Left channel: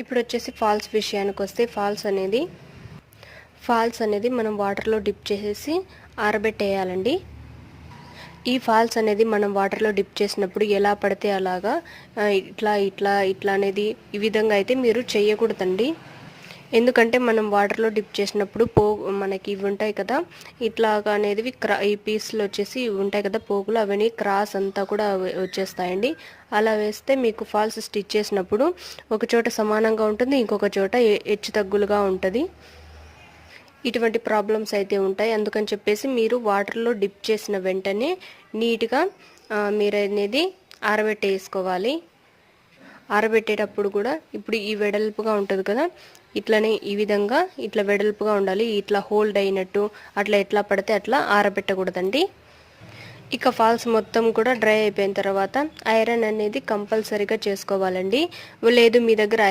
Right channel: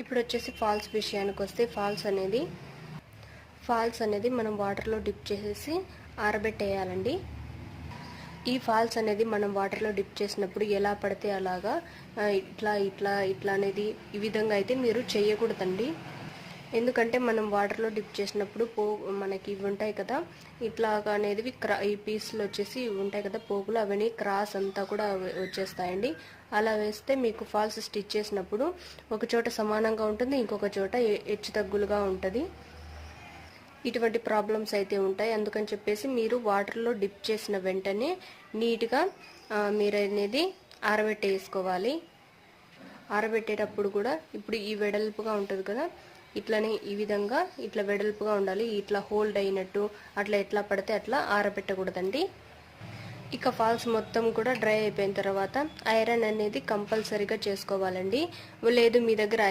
ఇప్పుడు వచ్చేసి ఫాల్స్ విషయానికి వస్తే ఫాల్స్ అనేది మనం వాటర్లో డిప్ చేసేసి ఆరబెట్టేయాలండి. ఈ ఫాల్స్ అనేది మనం వాటర్లో డిప్ చేసినప్పుడు ఎలా పడితే అలాగా ఇట్లా ఇట్లా ఇట్లా అనేది ఈ విధంగా అయితే మీరు చేయకూడదండి. ఎందుకంటే మనం వాటర్లో డిప్ చేసినప్పుడు మనకి ఇవి ఉంటాయి కదా, ఇట్లాగా అనేది ఈ పీస్లు వచ్చేసి ఇవి ఉంటాయి కదా పోగులు, అవన్నీ క్రాస్ అంతా కూడా వచ్చేస్తాయండి. అలా వేస్తే మీకు ఫాల్స్ స్టిచ్ చేసినప్పుడు ఒక చోట సమానంగా ఉంటుంది, ఇంకొక చోట హెచ్చు తగ్గులుగా ఉంటుంది. ఇటువంటి ప్రాబ్లమ్స్ అయితే ఉంటాయి. అందుకని చెప్పేసి మీరు వాటర్లో డిప్ చేసిన వెంటనే నీట్గా మీరు అనేది ఆరబెట్టేసుకోవాలి. ఆరబెట్టేటప్పుడు కూడా ఇప్పుడు ఈ వెడల్పుగా ఉంటుంది కదా, ఇట్లనే ఈ విధంగా ఇట్లా వెడల్పుగా ఉండాలి. ఇట్లా హోల్డ్ అయినట్టు అట్లా ఎట్లా పడితే అట్లా ఆరబెట్టకూడదండి. ఇక ఫాల్స్ మొత్తం కూడా డ్రై అయిపోయిన తర్వాత ఐరన్ అనేది కంపల్సరీగా చేసుకోవాలండి. లేదు మీ దగ్గర